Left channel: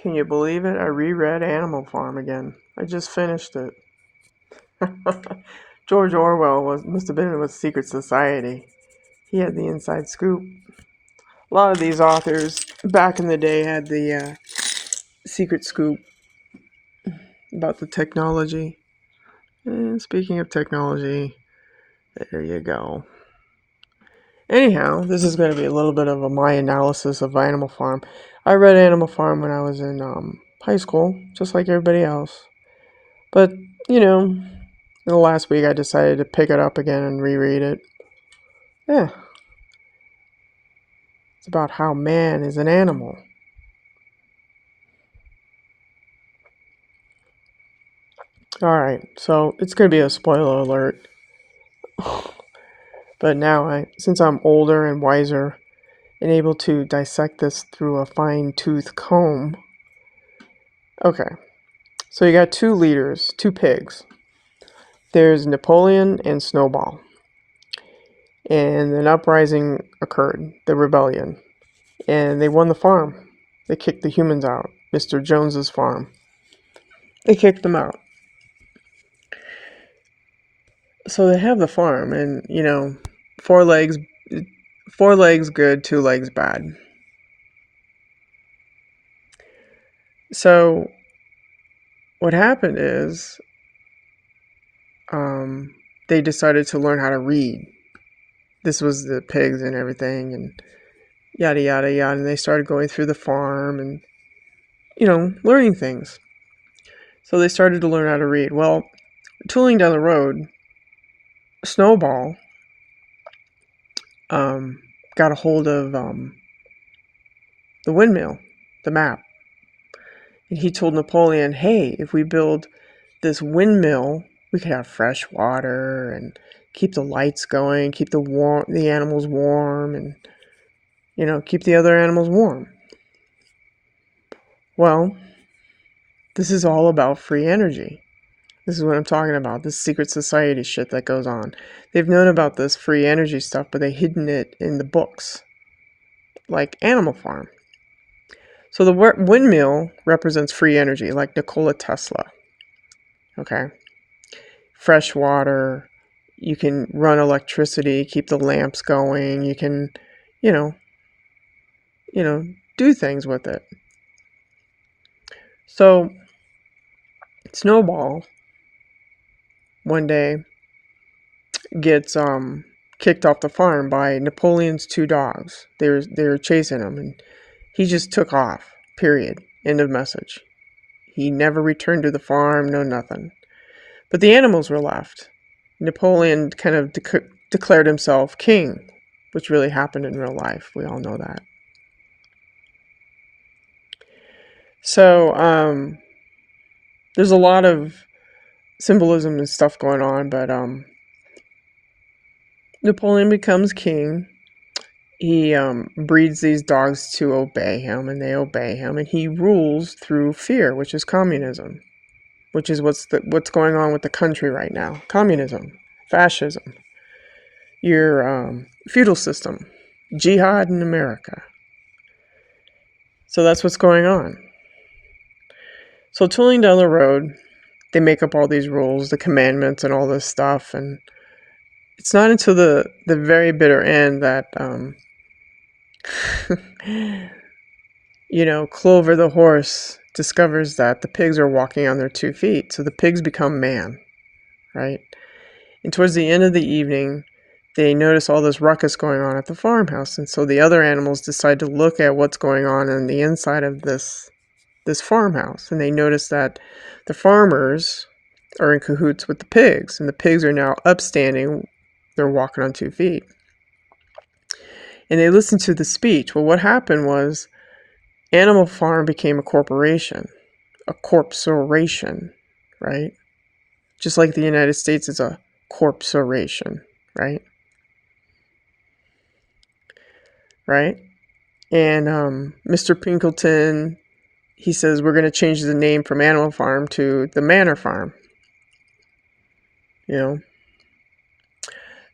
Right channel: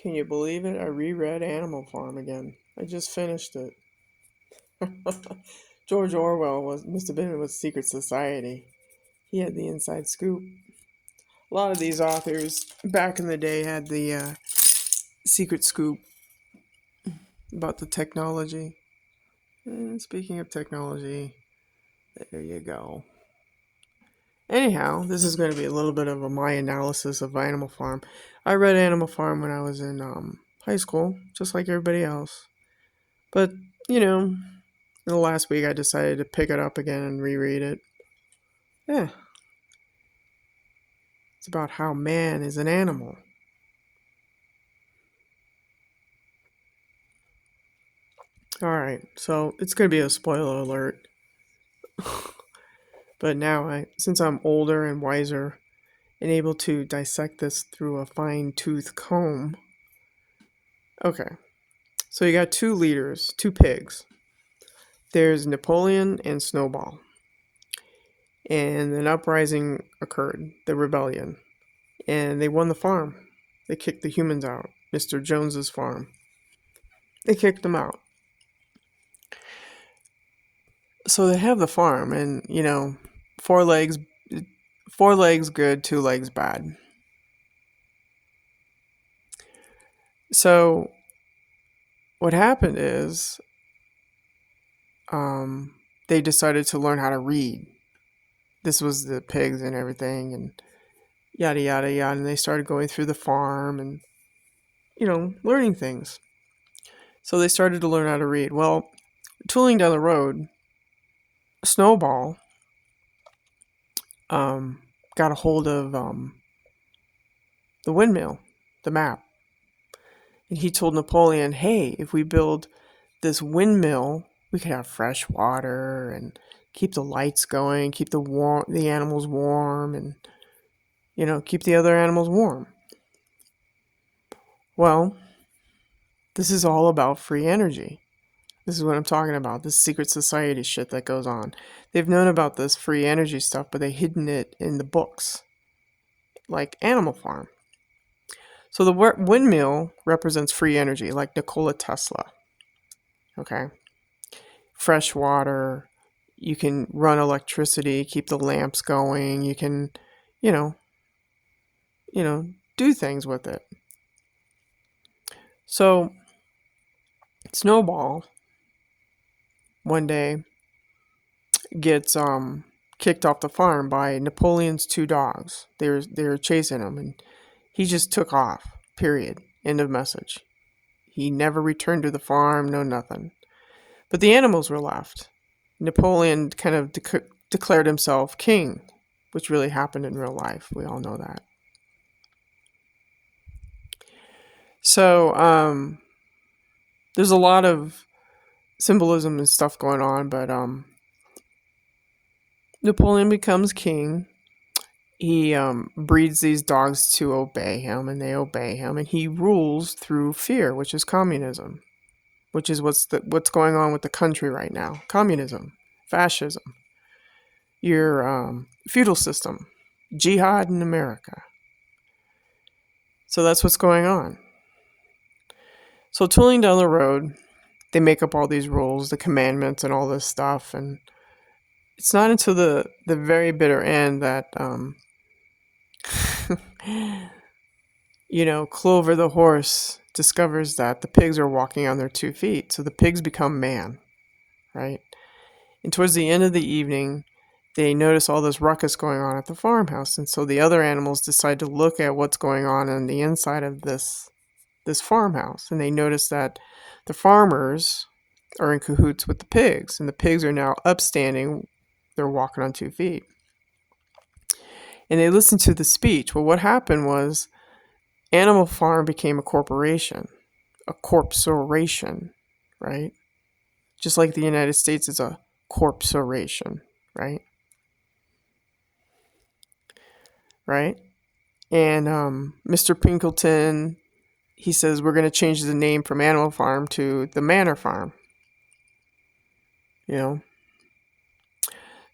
Can you believe it? I reread Animal Farm again. I just finished it. George Orwell must have been with Secret Society. He had the inside scoop. A lot of these authors back in the day had the secret scoop about the technology. And speaking of technology, there you go. Anyhow, this is going to be a little bit of my analysis of Animal Farm. I read Animal Farm when I was in high school, just like everybody else. But, in the last week I decided to pick it up again and reread it. Yeah. It's about how man is an animal. Alright, so it's going to be a spoiler alert. But now, since I'm older and wiser and able to dissect this through a fine-tooth comb. Okay, so you got two leaders, two pigs. There's Napoleon and Snowball. And an uprising occurred, the rebellion. And they won the farm. They kicked the humans out. Mr. Jones's farm. They kicked them out. So they have the farm, and four legs good, two legs bad. So what happened is they decided to learn how to read. This was the pigs and everything, and yada yada yada, and they started going through the farm and learning things. So they started to learn how to read. Well, tooling down the road, Snowball got a hold of the windmill, the map. And he told Napoleon, hey, if we build this windmill, we could have fresh water and keep the lights going, keep the animals warm, and keep the other animals warm. Well, this is all about free energy. This is what I'm talking about, this secret society shit that goes on. They've known about this free energy stuff, but they've hidden it in the books, like Animal Farm. So the windmill represents free energy, like Nikola Tesla. Okay? Fresh water, you can run electricity, keep the lamps going, you can, do things with it. So, Snowball one day gets kicked off the farm by Napoleon's two dogs. They were chasing him, and he just took off. Period. End of message. He never returned to the farm. No nothing. But the animals were left. Napoleon kind of declared himself king, which really happened in real life. We all know that. So there's a lot of symbolism and stuff going on, but Napoleon becomes king. He breeds these dogs to obey him, and they obey him, and he rules through fear, which is communism, which is what's going on with the country right now. Communism, fascism, your feudal system, jihad in America. So that's what's going on. So tooling down the road, they make up all these rules, the commandments and all this stuff, and it's not until the very bitter end that Clover the horse discovers that the pigs are walking on their 2 feet, so the pigs become man, right? And towards the end of the evening, they notice all this ruckus going on at the farmhouse, and so the other animals decide to look at what's going on the inside of this farmhouse, and they notice that the farmers are in cahoots with the pigs, and the pigs are now upstanding. They're walking on 2 feet. And they listen to the speech. Well, what happened was Animal Farm became a corporation, a corpse-o-ration, right? Just like the United States is a corpse-o-ration, right? Right? And Mr. Pinkleton, he says, we're going to change the name from Animal Farm to the Manor Farm.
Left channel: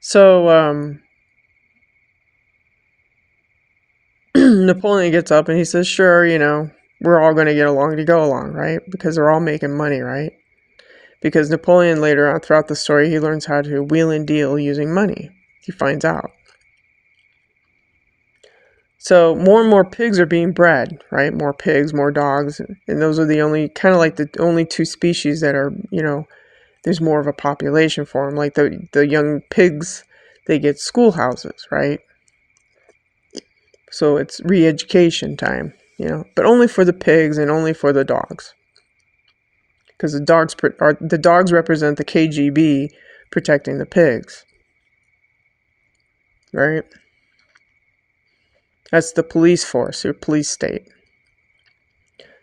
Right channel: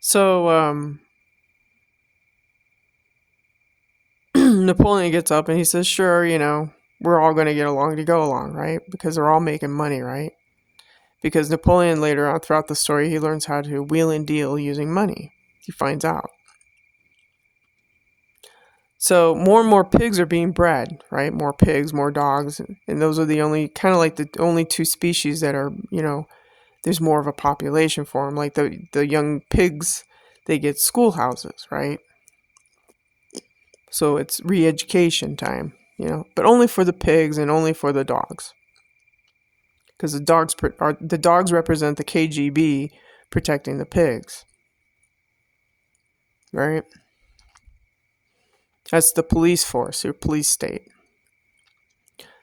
So Napoleon gets up and he says, sure, we're all going to get along to go along, right? Because they're all making money, right? Because Napoleon later on throughout the story, he learns how to wheel and deal using money. He finds out. So more and more pigs are being bred, right? More pigs, more dogs. And those are the only, kind of like the only two species that are, there's more of a population for them. Like the young pigs, they get schoolhouses, right? So it's re-education time, but only for the pigs and only for the dogs. Because the dogs represent the KGB protecting the pigs, right? That's the police force, your police state.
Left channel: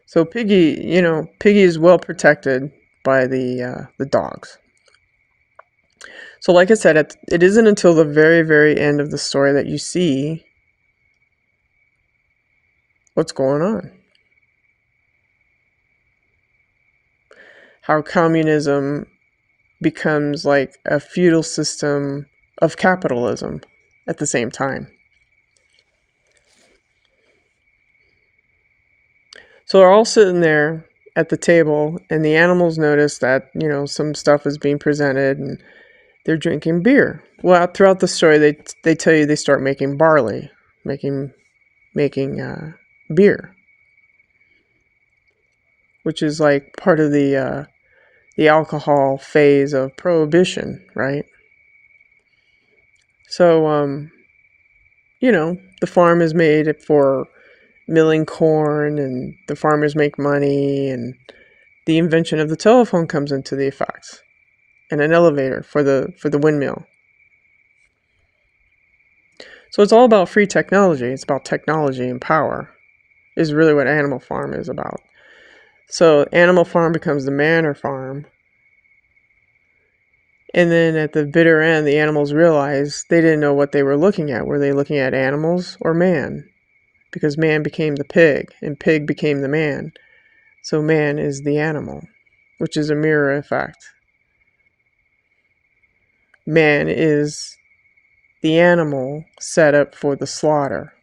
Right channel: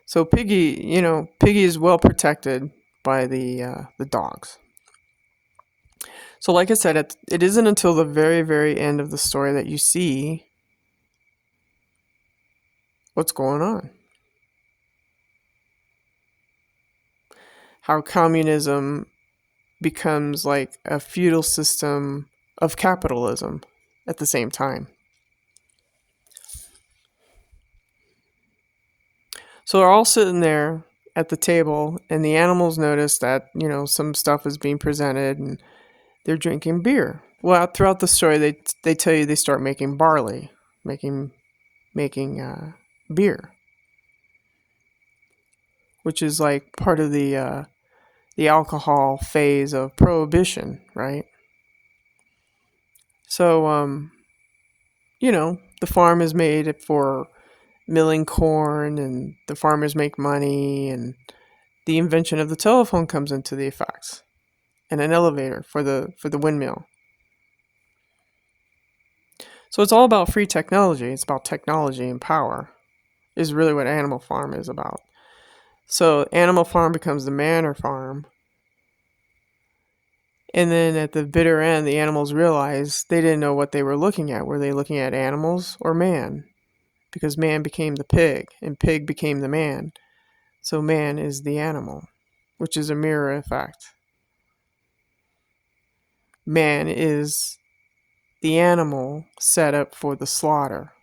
So Piggy is well protected by the dogs. So like I said, it isn't until the very, very end of the story that you see what's going on. How communism becomes like a feudal system of capitalism at the same time. So they're all sitting there at the table, and the animals notice that, some stuff is being presented, and they're drinking beer. Well, throughout the story, they tell you they start making barley, making beer, which is like part of the alcohol phase of prohibition, right? So, the farm is made for milling corn, and the farmers make money, and the invention of the telephone comes into the effects, and an elevator for the windmill. So it's all about free technology. It's about technology and power, is really what Animal Farm is about. So Animal Farm becomes the Manor Farm. And then at the bitter end, the animals realized they didn't know what they were looking at. Were they looking at animals or man? Because man became the pig, and pig became the man. So man is the animal, which is a mirror effect. Man is the animal set up for the slaughter.